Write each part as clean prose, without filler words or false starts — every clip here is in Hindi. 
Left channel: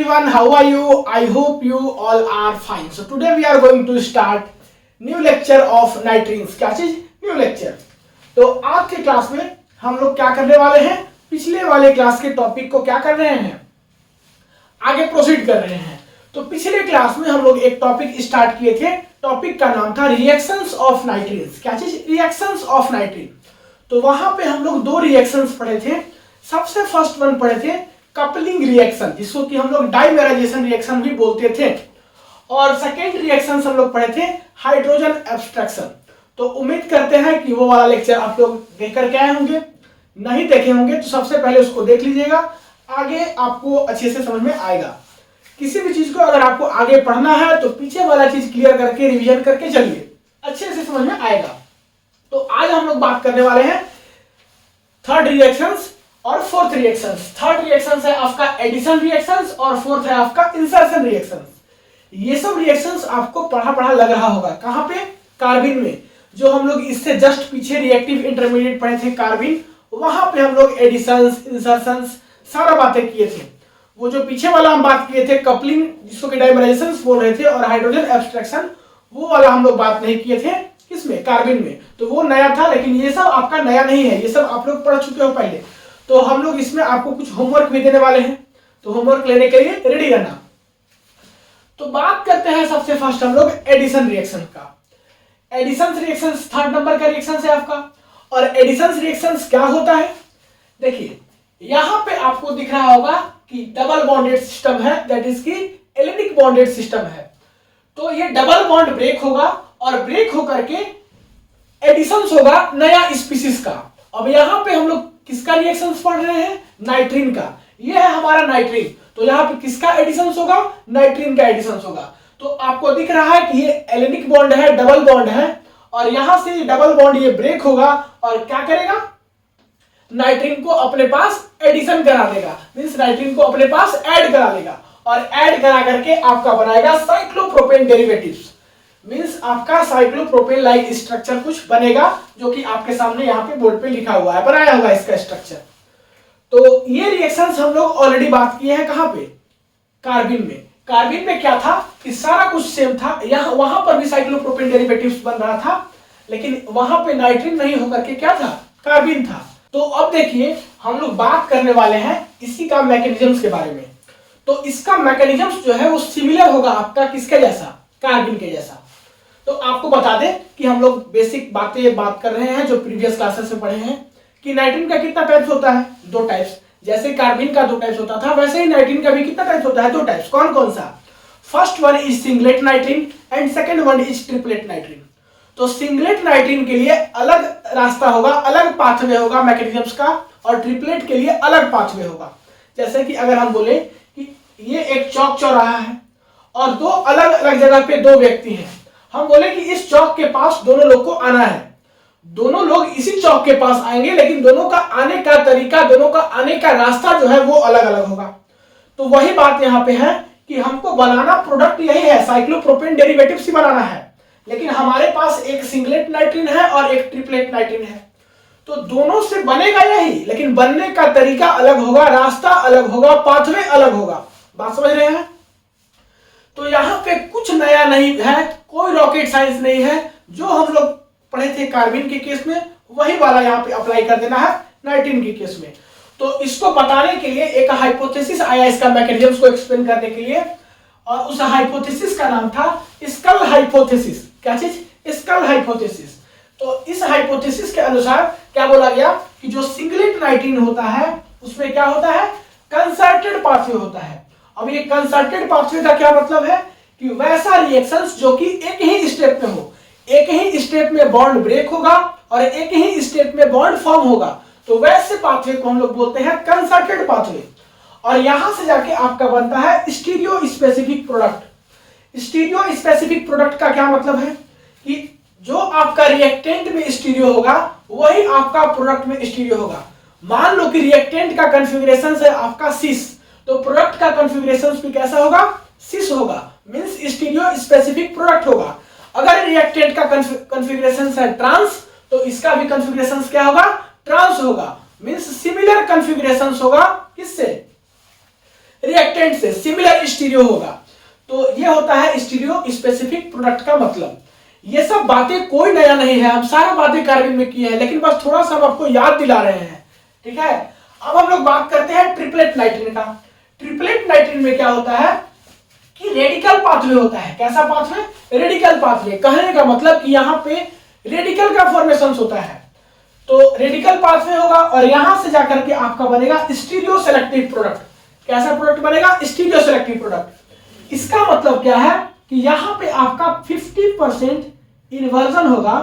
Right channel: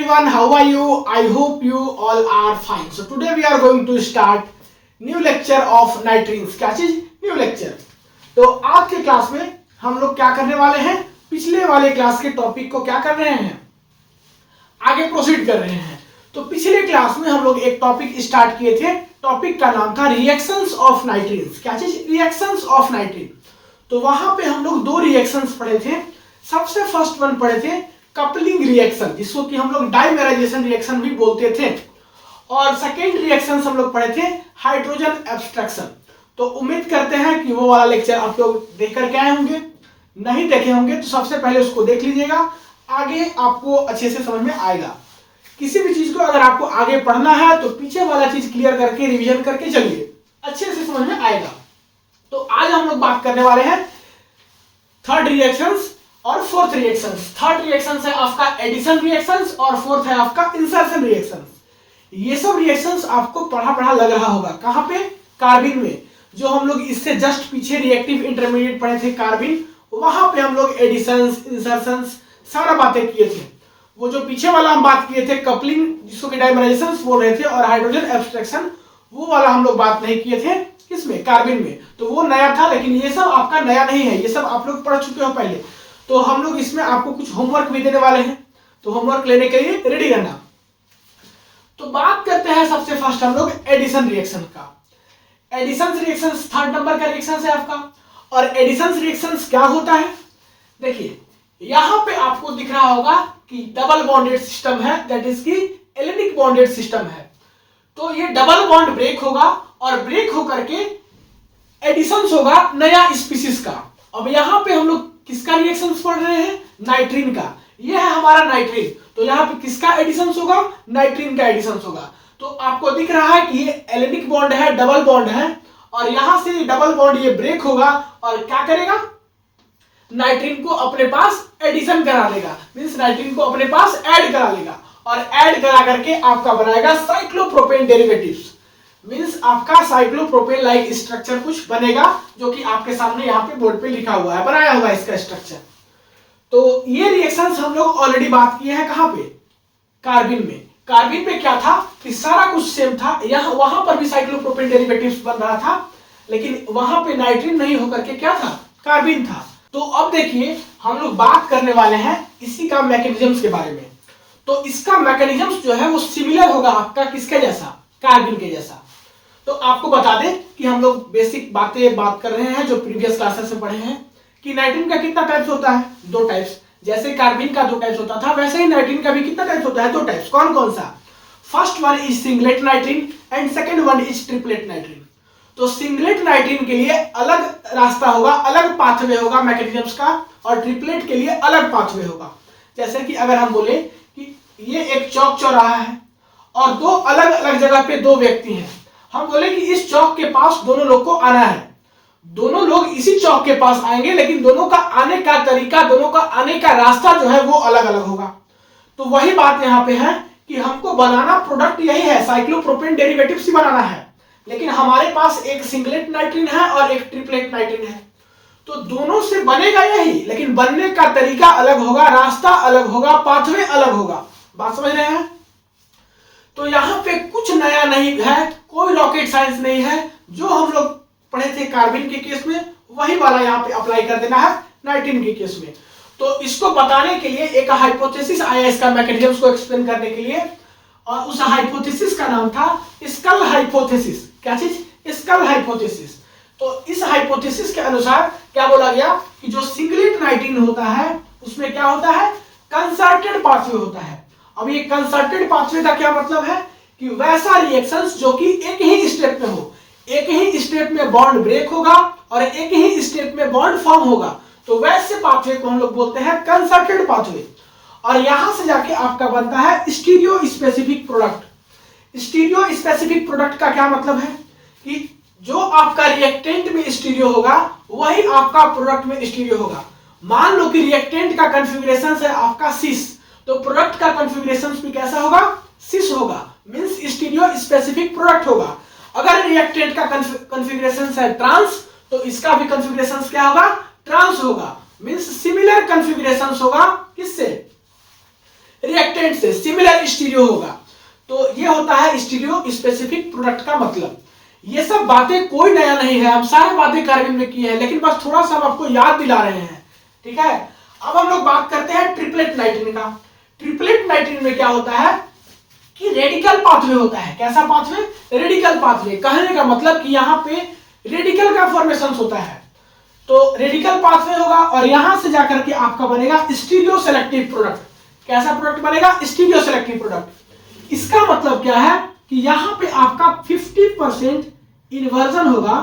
everyone, how are you? I hope you all are fine. So today we are going to start new lecture of nitrines. क्या चीज? New lecture. तो आज के क्लास में हम लोग क्या करने वाले हैं? पिछले वाले क्लास के टॉपिक को क्या कर रहे हैं? आगे प्रोसीड कर रहे हैं. तो पिछले क्लास में हम लोग एक टॉपिक स्टार्ट किए थे. टॉपिक का नाम था रिएक्शंस ऑफ नाइट्रीन्स. क्या चीज? Reactions of नाइट्रीन. तो वहां पे हम लोग दो रिएक्शंस पढ़े थे. सबसे फर्स्ट वन पढ़े थे कपलिंग रिएक्शन, जिसको कि हम लोग डाइमेराइजेशन रिएक्शन भी बोलते थे. और सेकेंड रिएक्शन हम लोग पढ़े थे हाइड्रोजन एब्स्ट्रैक्शन. तो उम्मीद करते हैं कि वो वाला लेक्चर आप लोग देख करके आए होंगे. नहीं देखे होंगे तो सबसे पहले उसको देख लीजिएगा, आगे आपको अच्छे से समझ में आएगा. किसी भी चीज को अगर आपको आगे पढ़ना है तो पीछे वाला चीज क्लियर करके रिवीजन करके चलिए, अच्छे से समझ में आएगा. तो आज हम लोग बात करने वाले हैं थर्ड रिएक्शंस और फोर्थ रिएक्शंस. थर्ड रिएक्शंस है आपका एडिशन रिएक्शंस और फोर्थ है आपका इंसर्शन रिएक्शंस. ये सब रिएक्शंस आपको पढ़ा पढ़ा लग रहा होगा. कहां पे? कार्बिन में. जो हम लोग इससे जस्ट पीछे रिएक्टिव इंटरमीडिएट पढ़े थे कार्बिन, वहां पे हम लोग एडिशंस इंसर्शंस सारा बातें किए थे. वो जो पीछे वाला हम बात किए थे कपलिंग, जिसको कि डाइमेराइजेशन बोल रहे थे, और हाइड्रोजन एब्स्ट्रैक्शन, वो वाला हम लोग बात नहीं किए थे. किसमें? कार्बिन में. तो वो नया था, लेकिन ये सब आपका नया नहीं है, ये सब आप लोग पढ़ चुके हो पहले. तो हम लोग इसमें आपको कुछ होमवर्क भी देने वाले हैं, तो होमवर्क लेने के लिए रेडी रहना. तो बात करते हैं सबसे फर्स्ट हम लोग एडिशन रिएक्शन का. एडिशन रिएक्शन थर्ड नंबर का रिएक्शन है आपका. और एडिशन रिएक्शन क्या होता है? देखिए यहां पे आपको दिख रहा होगा कि डबल बॉन्डेड सिस्टम है, दैट इज की एलिनिक बॉन्डेड सिस्टम है. तो ये डबल बॉन्ड ब्रेक होगा और ब्रेक होकर के एडिशन होगा नया स्पीसीज का. अब यहां पे हम लोग किसका रिएक्शन पढ़ रहे हैं? नाइट्रीन का. ये है हमारा नाइट्रीन. तो यहाँ पे किसका एडिशन होगा? नाइट्रीन का एडिशन होगा. तो आपको दिख रहा है कि ये एलिनिक बॉन्ड है, डबल बॉन्ड है, और यहां से डबल बॉन्ड ये ब्रेक होगा और क्या करेगा? नाइट्रीन को अपने पास एडिशन करा लेगा, मींस नाइट्रीन को अपने पास ऐड करा लेगा, और ऐड करा करके आपका बनाएगा साइक्लोप्रोपेन डेरिवेटिव्स. मींस आपका साइक्लोप्रोपेन लाइक स्ट्रक्चर कुछ बनेगा, जो कि आपके सामने यहाँ पे बोर्ड पे लिखा हुआ है, बनाया हुआ है इसका स्ट्रक्चर. तो ये रिएक्शंस हम लोग ऑलरेडी बात किए हैं. कहां पे? कार्बिन में. कार्बिन में क्या था कि सारा कुछ सेम था. यहाँ वहां पर भी साइक्लोप्रोपेन डेरिवेटिव्स बन रहा था, लेकिन वहां पे नाइट्रीन नहीं होकर के क्या था? कार्बिन था. तो अब देखिए हम लोग बात करने वाले हैं इसी का मैकेनिज्म्स के बारे में. तो इसका मैकेनिज्म्स जो है वो सिमिलर होगा आपका किसके जैसा? कार्बिन के जैसा. तो आपको बता दें कि हम लोग बेसिक बातें बात कर रहे हैं जो प्रीवियस क्लासेस में पढ़े हैं कि नाइट्रीन का कितना टाइप्स होता है? दो टाइप्स. जैसे कार्बिन का दो टाइप्स होता था, वैसे ही नाइट्रीन का भी कितना टाइप्स होता है? दो टाइप्स. कौन कौन सा? First one is singlet नाइट्रीन and second one is triplet नाइट्रीन. तो सिंगलेट नाइट्रीन के लिए अलग रास्ता होगा, अलग पाथवे होगा मैकेनिज्म्स का, और ट्रिपलेट के लिए अलग पाथवे होगा. जैसे कि अगर हम बोले कि ये एक चौक चौराहा है और दो अलग अलग जगह पे दो व्यक्ति हैं, हम बोले कि इस चौक के पास दोनों लोग को आना है. दोनों लोग इसी चौक के पास आएंगे, लेकिन दोनों का आने का तरीका, दोनों का आने का रास्ता जो है वो अलग अलग होगा. तो वही बात यहाँ पे है कि हमको बनाना प्रोडक्ट यही है, साइक्लोप्रोपेन डेरिवेटिव्स ही बनाना है, लेकिन हमारे पास एक सिंगलेट नाइट्रीन है और एक ट्रिपलेट नाइट्रीन है. तो दोनों से बनेगा यही, लेकिन बनने का तरीका अलग होगा, रास्ता अलग होगा, पाथवे अलग होगा. बात समझ रहे हैं? तो यहाँ पे कुछ नया नहीं है, कोई रॉकेट साइंस नहीं है. जो हम लोग पढ़े थे कार्बिन के केस में, वही वाला यहाँ पे अप्लाई कर देना है नाइट्रीन के केस में. तो इसको बताने के लिए एक हाइपोथेसिस आया इसका मैकेनिज्म को एक्सप्लेन करने के लिए, और उस हाइपोथेसिस का नाम था स्कल हाइपोथेसिस. क्या चीज? Skull hypothesis. तो इस हाइपोथेसिस के अनुसार क्या बोला गया कि जो सिंगलेट नाइट्रीन होता है उसमें क्या होता है? कंसर्टेड पाथवे होता है. अब ये कंसर्टेड पाथवे का क्या मतलब है कि वैसा रिएक्शंस जो कि एक ही स्टेप में हो, एक ही स्टेप में बॉन्ड ब्रेक होगा और एक ही स्टेप में बॉन्ड फॉर्म होगा, तो वैसे पाथवे को हम लोग बोलते हैं कंसर्टेड पाथवे. और यहां से जाके आपका बनता है stereo specific product. Stereo specific product का क्या मतलब है कि जो आपका रिएक्टेंट में स्टीरियो होगा वही आपका प्रोडक्ट में स्टीरियो होगा. मान लो कि रिएक्टेंट का कॉन्फ़िगरेशन है आपका सिस, तो प्रोडक्ट का कॉन्फ़िगरेशन भी कैसा होगा? सिस होगा, मींस स्टीरियो स्पेसिफिक प्रोडक्ट होगा. अगर रिएक्टेंट का कॉन्फ़िगरेशन है ट्रांस, तो इसका भी कॉन्फ़िगरेशन क्या होगा? ट्रांस होगा, मींस सिमिलर कॉन्फ़िगरेशन होगा. किससे? रिएक्टेंट से सिमिलर स्टीरियो होगा। तो ये होता है स्टीरियो स्पेसिफिक प्रोडक्ट का मतलब। ये सब बातें कोई नया नहीं है, हम सारा बातें कार्बन में किए हैं, लेकिन बस थोड़ा सा हम आपको याद दिला रहे हैं, ठीक है। अब हम लोग बात करते हैं ट्रिपलेट नाइट्रीन का। ट्रिपलेट नाइट्रीन में क्या होता है कि रेडिकल पाथवे होता है। कैसा पाथवे? Radical pathway. कहने का मतलब कि यहाँ पे रेडिकल का फॉर्मेशन होता है, तो रेडिकल पाथवे होगा और यहां से जाकर के आपका बनेगा स्टीरियो सेलेक्टिव प्रोडक्ट। कैसा प्रोडक्ट बनेगा? Stereo selective product. इसका मतलब क्या है कि यहां पे आपका 50% इन्वर्जन होगा,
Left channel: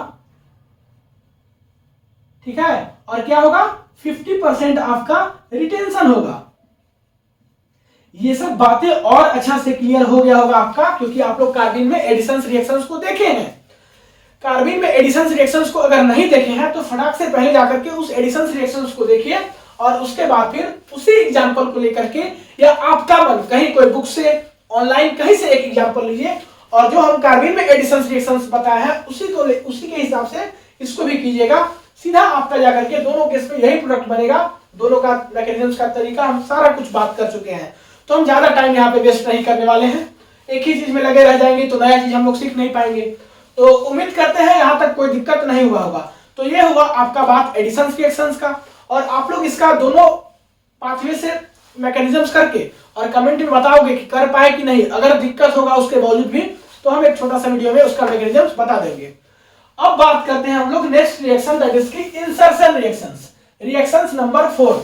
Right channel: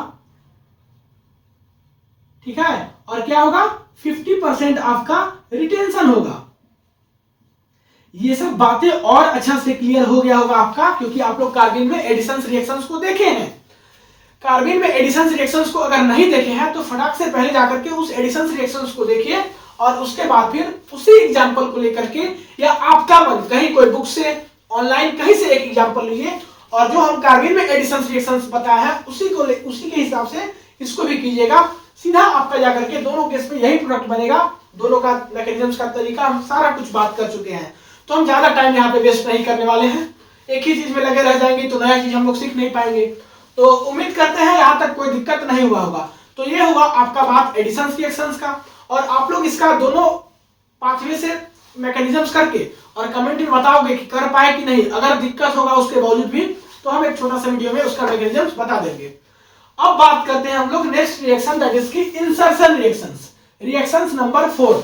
ठीक है, और क्या होगा? 50% आपका रिटेंशन होगा। ये सब बातें और अच्छा से क्लियर हो गया होगा आपका, क्योंकि आप लोग कार्बिन में एडिशन रिएक्शंस को देखे हैं। कार्बिन में एडिशन रिएक्शंस को अगर नहीं देखे हैं तो फटाक से पहले जाकर के उस एडिशन रिएक्शंस को देखिए और उसके बाद फिर उसी एग्जांपल को लेकर के, या आपका मन कहीं कोई बुक से, ऑनलाइन कहीं से एक एग्जांपल लीजिए और जो हम कार्बिन में एडिशन रिएक्शंस बताया है उसी के हिसाब से इसको भी कीजिएगा। सीधा आपका जाकर के दोनों केस में यही प्रोडक्ट बनेगा। दोनों का मैकेनिज्म का तरीका हम सारा कुछ बात कर चुके हैं, तो हम ज्यादा टाइम यहाँ पे वेस्ट नहीं करने वाले हैं। एक ही चीज में लगे रह जाएंगे तो नया चीज हम लोग सीख नहीं पाएंगे। तो उम्मीद करते हैं यहाँ तक कोई दिक्कत नहीं हुआ होगा। तो ये हुआ आपका बात एडिशन रिएक्शंस का, और आप लोग इसका दोनों पाथवे से मैकेनिज्म्स करके और कमेंट में बताओगे कि कर पाए कि नहीं। अगर दिक्कत होगा उसके बावजूद भी तो हम एक छोटा सा वीडियो में उसका मैकेनिज्म्स बता देंगे। अब बात करते हैं हम लोग नेक्स्ट रिएक्शन, दैट इज की insertion reactions. Reactions number 4।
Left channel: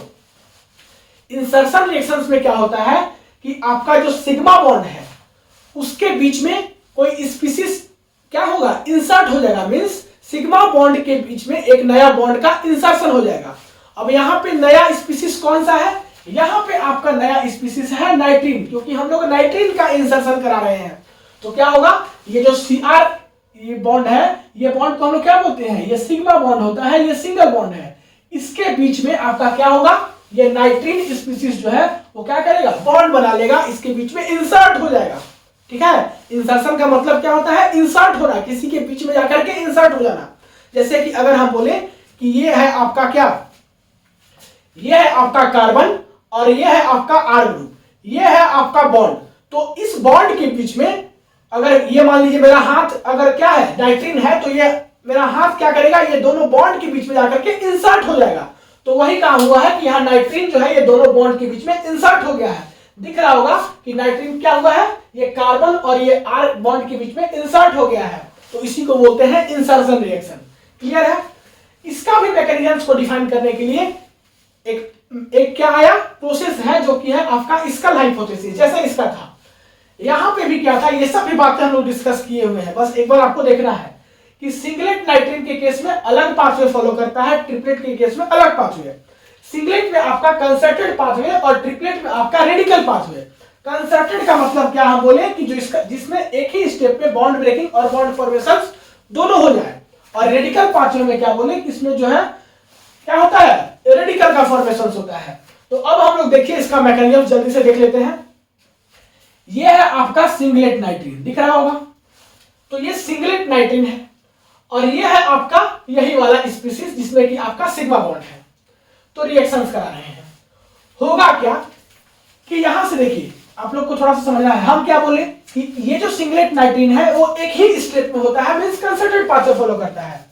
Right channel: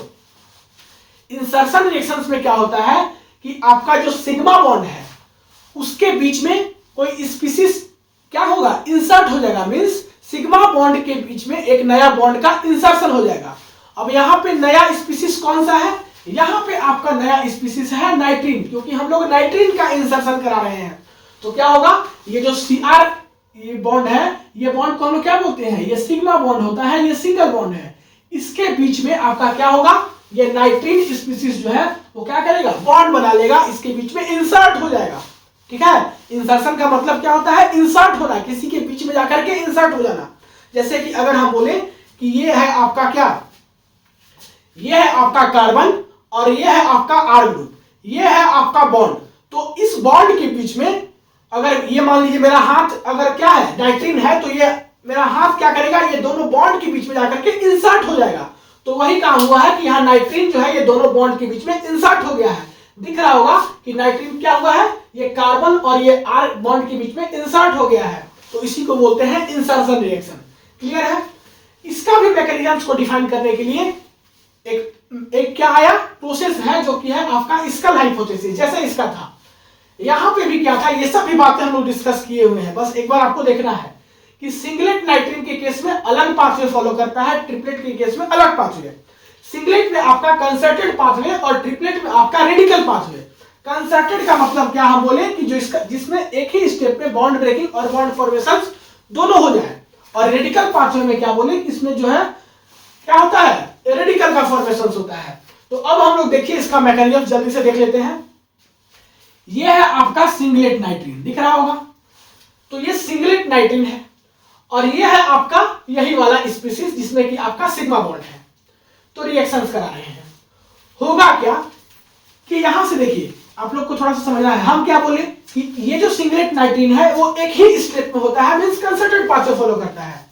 Insertion reactions में क्या होता है कि आपका जो सिग्मा बॉन्ड है उसके बीच में कोई स्पीसीज क्या होगा? इंसर्ट हो जाएगा। मींस सिग्मा बॉन्ड के बीच में एक नया बॉन्ड का इंसर्शन हो जाएगा। अब यहाँ पे नया स्पीसीज कौन सा है? यहाँ पे आपका नया स्पीसीज है नाइट्रीन, क्योंकि हम लोग नाइट्रीन का इंसर्शन करा रहे हैं। तो क्या होगा? ये जो Cr ये बॉन्ड है, ये बॉन्ड को हम लोग क्या बोलते हैं? ये सिग्मा बॉन्ड होता है, ये सिंगल बॉन्ड है। इसके बीच में आपका क्या होगा? ये नाइट्रीन स्पीसीज जो है वो क्या करेगा? बॉन्ड बना लेगा, इसके बीच में इंसर्ट हो जाएगा, ठीक है। इंसर्शन का मतलब क्या होता है? इंसर्ट होना, किसी के बीच में जाकर के इंसर्ट हो जाना। जैसे कि अगर हम बोले कि ये है आपका क्या, ये है आपका कार्बन और ये है आपका R ग्रुप, ये है आपका बॉन्ड। तो इस बॉन्ड के बीच में अगर ये मान लीजिए मेरा हाथ अगर क्या है? नाइट्रीन है, तो ये मेरा हाथ क्या करेगा? ये दोनों बॉन्ड के बीच में जाकर के इंसर्ट हो जाएगा। तो वही काम हुआ है कि यहाँ नाइट्रीन जो है ये दोनों बॉन्ड के बीच में इंसर्ट हो गया है। दिख रहा होगा कि नाइट्रीन क्या हुआ है? ये कार्बन और ये R बॉन्ड के बीच में इंसर्ट हो गया है। तो इसी को बोलते हैं इंसर्शन रिएक्शन। क्लियर है? इसका भी मैकेनिज्म्स को डिफाइन करने के लिए एक क्या आया? प्रोसेस है जो कि है आपका स्कल हाइपोथेसिस। जैसे इसका था, यहां पे भी क्या था? ये सब भी बातें हम लोग डिस्कस किए हुए हैं। बस एक बार आपको देखना है कि सिंगलेट नाइट्रीन के केस में अलग पाथवे फॉलो करता है, ट्रिपलेट के केस में अलग पाथवे। सिंगलेट में आपका कंसर्टेड पाथवे और ट्रिपलेट में आपका रेडिकल पाथवे। कंसर्टेड का मतलब क्या हम बोले कि जो इसका जिसमें एक ही स्टेप पे बॉन्ड ब्रेकिंग और बॉन्ड फॉर्मेशन दोनों हो जाए। और रेडिकल पाथवे में क्या बोले कि इसमें जो है क्या होता है? रेडिकल का फॉर्मेशन होता है। तो अब हम लोग देखिए इसका मैकेनिज्म जल्दी से देख लेते हैं। ये है आपका सिंगलेट नाइट्रीन, दिख रहा होगा। तो ये सिंगलेट नाइट्रीन है और ये है आपका यही वाला स्पीसीज जिसमें कि आपका सिग्मा बॉन्ड है। तो रिएक्शंस करा रहे हैं। होगा क्या कि यहां से देखिए, आप लोग को थोड़ा सा समझना है। हम क्या बोले कि ये जो सिंगलेट नाइट्रीन है वो एक ही स्टेप में होता है, मींस कंसर्टेड पाथवे फॉलो करता है।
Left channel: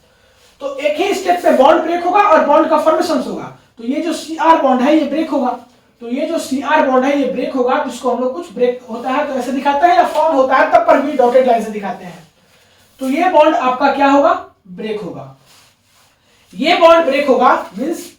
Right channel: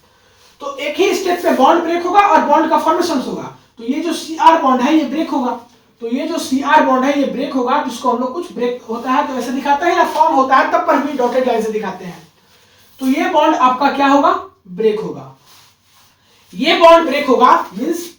तो एक ही स्टेप पे बॉन्ड ब्रेक होगा और बॉन्ड का फॉर्मेशन होगा। तो ये जो Cr बॉन्ड है ये ब्रेक होगा। तो ये जो Cr बॉन्ड है ये ब्रेक होगा, जिसको हम लोग कुछ ब्रेक होता है तो ऐसे दिखाते हैं, या फॉर्म होता है तब पर भी डॉटेड लाइन से दिखाते हैं। तो ये बॉन्ड आपका क्या होगा? ब्रेक होगा। ये बॉन्ड ब्रेक होगा मींस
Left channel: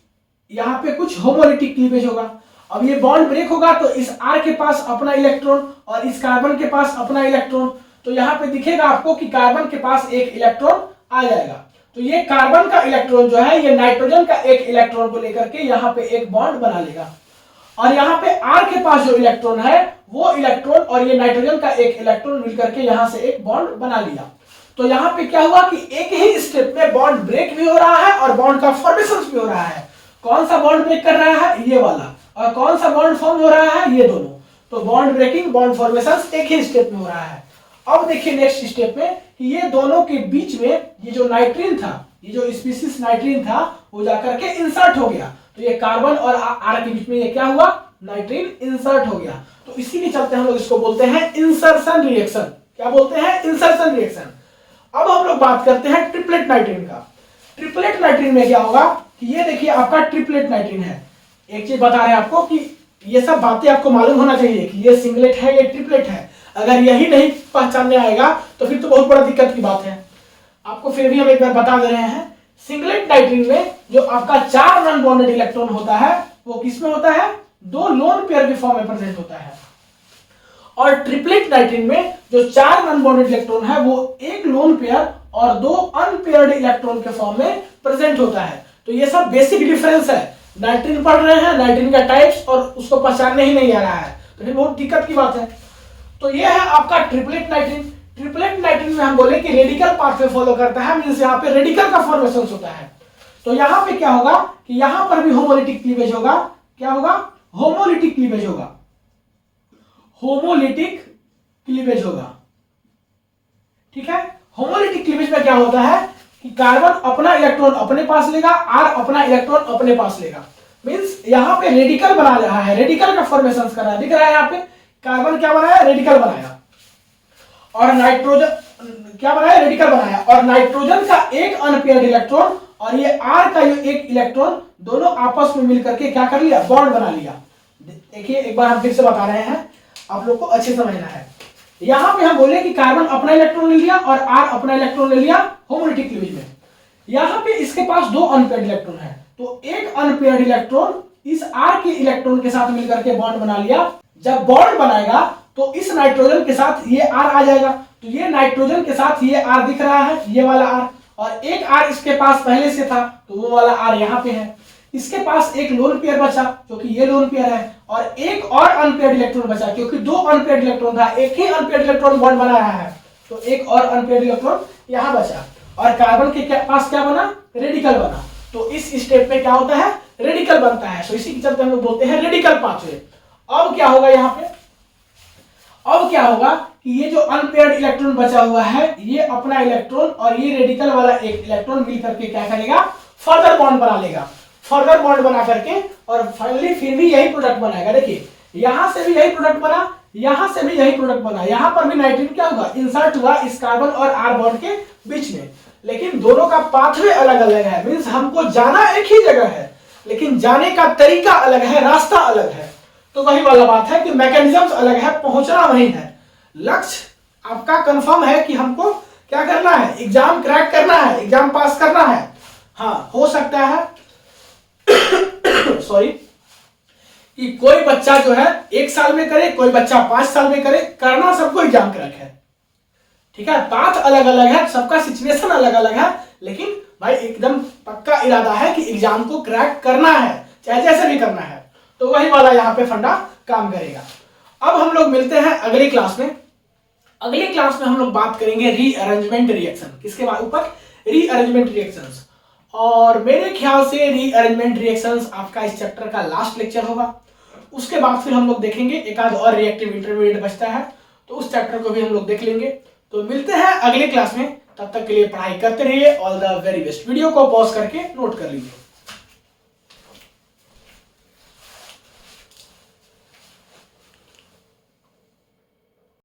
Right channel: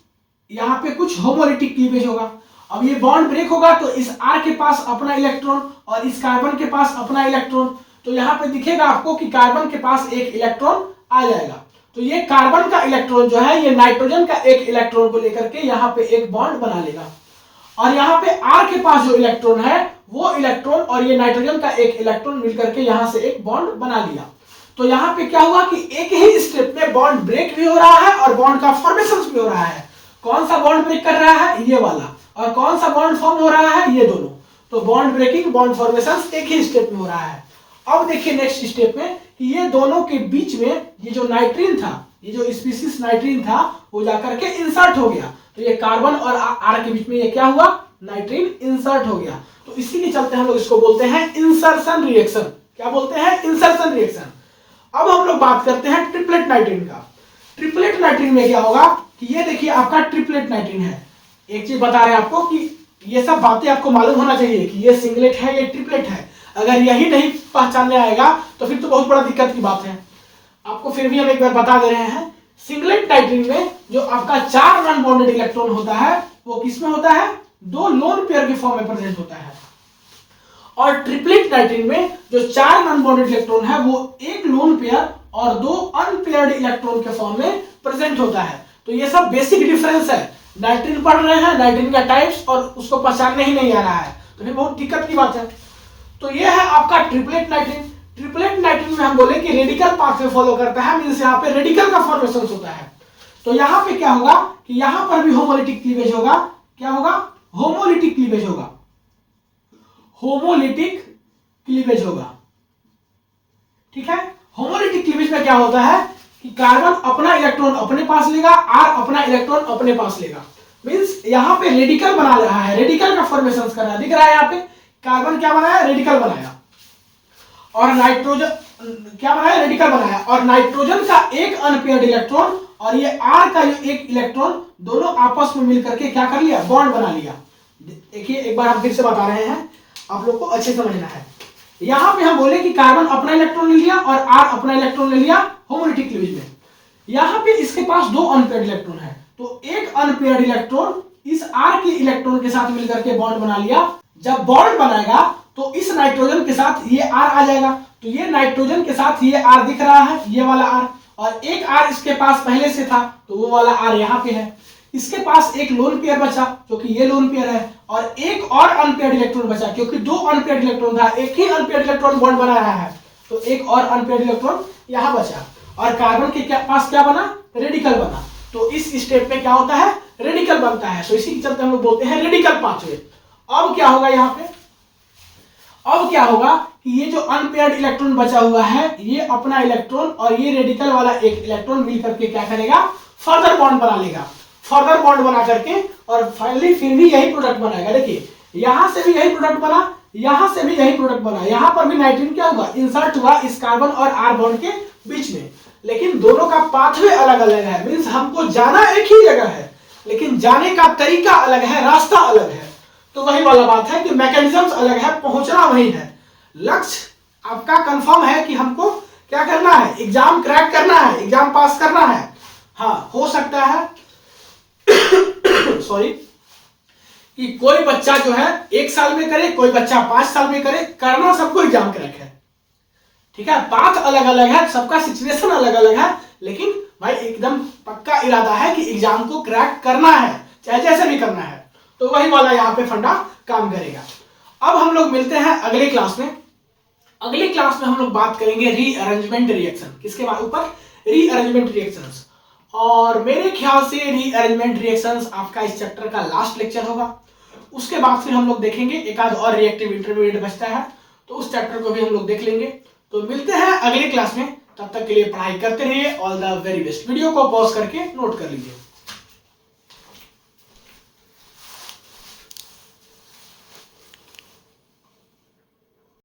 यहां पे कुछ होमोलिटिक क्लीवेज होगा। अब ये बॉन्ड ब्रेक होगा तो इस R के पास अपना इलेक्ट्रॉन और इस कार्बन के पास अपना इलेक्ट्रॉन। तो यहां पे दिखेगा आपको कि कार्बन के पास एक इलेक्ट्रॉन आ जाएगा। तो ये कार्बन का इलेक्ट्रॉन जो है ये नाइट्रोजन का एक इलेक्ट्रॉन को लेकर के यहाँ पे एक बॉन्ड बना लेगा। और यहाँ पे R के पास जो इलेक्ट्रॉन है वो इलेक्ट्रॉन और ये नाइट्रोजन का एक इलेक्ट्रॉन मिलकर के यहाँ से एक बॉन्ड बना लिया। तो यहाँ पे क्या हुआ कि एक ही स्टेप में बॉन्ड ब्रेक भी हो रहा है और बॉन्ड का फॉर्मेशन भी हो रहा है। कौन सा बॉन्ड ब्रेक कर रहा है? ये वाला। और कौन सा बॉन्ड फॉर्म हो रहा है? ये दोनों। तो बॉन्ड ब्रेकिंग बॉन्ड फॉर्मेशन एक ही स्टेप में हो रहा है। अब देखिए नेक्स्ट स्टेप में कि ये दोनों के बीच में ये जो नाइट्रीन था, ये जो स्पीसीज नाइट्रीन था वो जाकर के इंसर्ट हो गया। तो ये कार्बन और R के बीच में ये क्या हुआ? नाइट्रीन इंसर्ट हो गया। तो इसी के चलते हम लोग इसको बोलते हैं इंसर्शन रिएक्शन। क्या बोलते हैं? Insertion reaction. अब हम लोग बात करते हैं ट्रिपलेट नाइट्रीन का। ट्रिपलेट नाइट्रीन में क्या होगा कि ये देखिए आपका ट्रिपलेट नाइट्रीन है। एक चीज बता रहे हैं आपको कि ये सब बातें आपको मालूम होना चाहिए कि ये सिंगलेट है, ये ट्रिपलेट है। अगर यही नहीं पहचानने आएगा तो फिर तो बहुत बड़ा दिक्कत की बात है। आपको फिर भी हम एक बार बता दे रहे हैं, सिंगलेट नाइट्रीन में जो आपका 4 नॉन बॉन्डेड इलेक्ट्रॉन होता है वो किसमें होता है? 2 लोन पेयर के फॉर्म में प्रेजेंट होता है। और ट्रिपलेट नाइट्रीन में जो 4 नॉन बॉन्डेड इलेक्ट्रॉन है वो 1 लोन पेयर और 2 अनपेयर्ड इलेक्ट्रॉन के फॉर्म में प्रेजेंट होता है। तो ये सब बेसिक डिफरेंस है। नाइट्रीन पढ़ रहे हैं, नाइट्रीन का टाइप्स, और उसको पहचानने ही नहीं आ रहा है तो ये बहुत दिक्कत की बात है। तो ये है आपका ट्रिपलेट नाइट्रीन। ट्रिपलेट नाइट्रीन में हम बोले कि रेडिकल पाथवे फॉलो करता है, मींस यहाँ पे रेडिकल का फॉर्मेशन होता है। तो यहाँ पे क्या होगा कि यहाँ पर भी होमोलिटिक क्लीवेज होगा। क्या होगा? होमोलिटिक क्लीवेज होगा। होमोलिटिक क्लीवेज होगा, ठीक है। होमोलिटिक क्लीवेज में क्या होता है कि कार्बन अपना इलेक्ट्रॉन अपने पास लेगा, आर अपना इलेक्ट्रॉन अपने पास लेगा। मींस यहाँ पे रेडिकल बना रहा है, रेडिकल का फॉर्मेशन कर रहा है। दिख रहा है यहाँ पे कार्बन क्या बनाया? रेडिकल बनाया। और नाइट्रोजन क्या बनाया? रेडिकल बनाया। और नाइट्रोजन का एक अनपेयर्ड इलेक्ट्रॉन और ये आर का एक इलेक्ट्रॉन दोनों आपस में मिलकर के क्या कर लिया? बॉन्ड बना लिया। देखिए एक बार हम फिर से बता रहे हैं, आप लोग को अच्छे समझना है। यहां पे हम बोले कि कार्बन अपना इलेक्ट्रॉन ले लिया और आर अपना इलेक्ट्रॉन ले लिया होमोलिटिक क्लीवेज में। यहां पे इसके पास 2 अनपेयर्ड इलेक्ट्रॉन है, तो एक अनपेयर्ड इलेक्ट्रॉन इस आर के इलेक्ट्रॉन के साथ मिलकर के बॉन्ड बना लिया। जब बॉन्ड बनाएगा तो इस नाइट्रोजन के साथ ये आर आ जाएगा। तो ये नाइट्रोजन के साथ ये आर दिख रहा है, ये वाला आर, और एक आर इसके पास पहले से था तो वो वाला आर यहाँ पे है। इसके पास एक लोन पेयर बचा क्योंकि ये लोन पेयर है, और एक और अनपेयर्ड इलेक्ट्रॉन बचा क्योंकि 2 अनपेयर्ड इलेक्ट्रॉन था, एक ही अनपेयर्ड इलेक्ट्रॉन बॉन्ड बना रहा है तो एक और अनपेयर्ड इलेक्ट्रॉन यहाँ बचा। और कार्बन के पास क्या बना? रेडिकल बना। तो इस स्टेप पे क्या होता है? रेडिकल बनता है। तो इसी के चलते हम लोग बोलते हैं रेडिकल पाथवे। अब क्या होगा यहाँ पे? अब क्या होगा कि ये जो अनपेयर्ड इलेक्ट्रॉन बचा हुआ है ये अपना इलेक्ट्रॉन और ये रेडिकल वाला एक इलेक्ट्रॉन मिलकर के क्या करेगा? फर्दर बॉन्ड बना लेगा। फर्दर बॉन्ड बना करके और फाइनली फिर भी यही प्रोडक्ट बनाएगा। देखिए यहां से भी यही प्रोडक्ट बना, यहां से भी यही प्रोडक्ट बना। यहां पर भी नाइट्रोजन क्या हुआ? इंसर्ट हुआ इस कार्बन और आर बॉन्ड के बीच में। लेकिन दोनों का पाथवे अलग अलग है। मींस हमको जाना एक ही जगह है लेकिन जाने का तरीका अलग है, रास्ता अलग है। तो वही वाला बात है कि मैकेनिज्म अलग है, पहुंचना वही है। लक्ष्य आपका कंफर्म है कि हमको क्या करना है? एग्जाम क्रैक करना है, एग्जाम पास करना है। हाँ, हो सकता है सॉरी कि कोई बच्चा जो है 1 साल में करे, कोई बच्चा 5 साल में करे, करना सबको एग्जाम क्रैक है, ठीक है। बात अलग अलग है, सबका सिचुएशन अलग अलग है, लेकिन भाई एकदम पक्का इरादा है कि एग्जाम को क्रैक करना है, चाहे जैसे भी करना है। तो वही वाला यहाँ पे फंडा काम करेगा। अब हम लोग मिलते हैं अगली क्लास में। अगली क्लास में हम लोग बात करेंगे रीअरेंजमेंट रिएक्शन। किसके ऊपर? Rearrangement reactions. और मेरे ख्याल से रीअरेंजमेंट रिएक्शंस आपका इस चैप्टर का लास्ट लेक्चर होगा। उसके बाद फिर हम लोग देखेंगे एक आध और रिएक्टिव इंटरमीडिएट बचता है तो उस चैप्टर को भी हम लोग देख लेंगे। तो मिलते हैं अगली क्लास में, तब तक के लिए पढ़ाई करते रहिए। All the very best. Video को पॉज करके नोट कर लीजिए।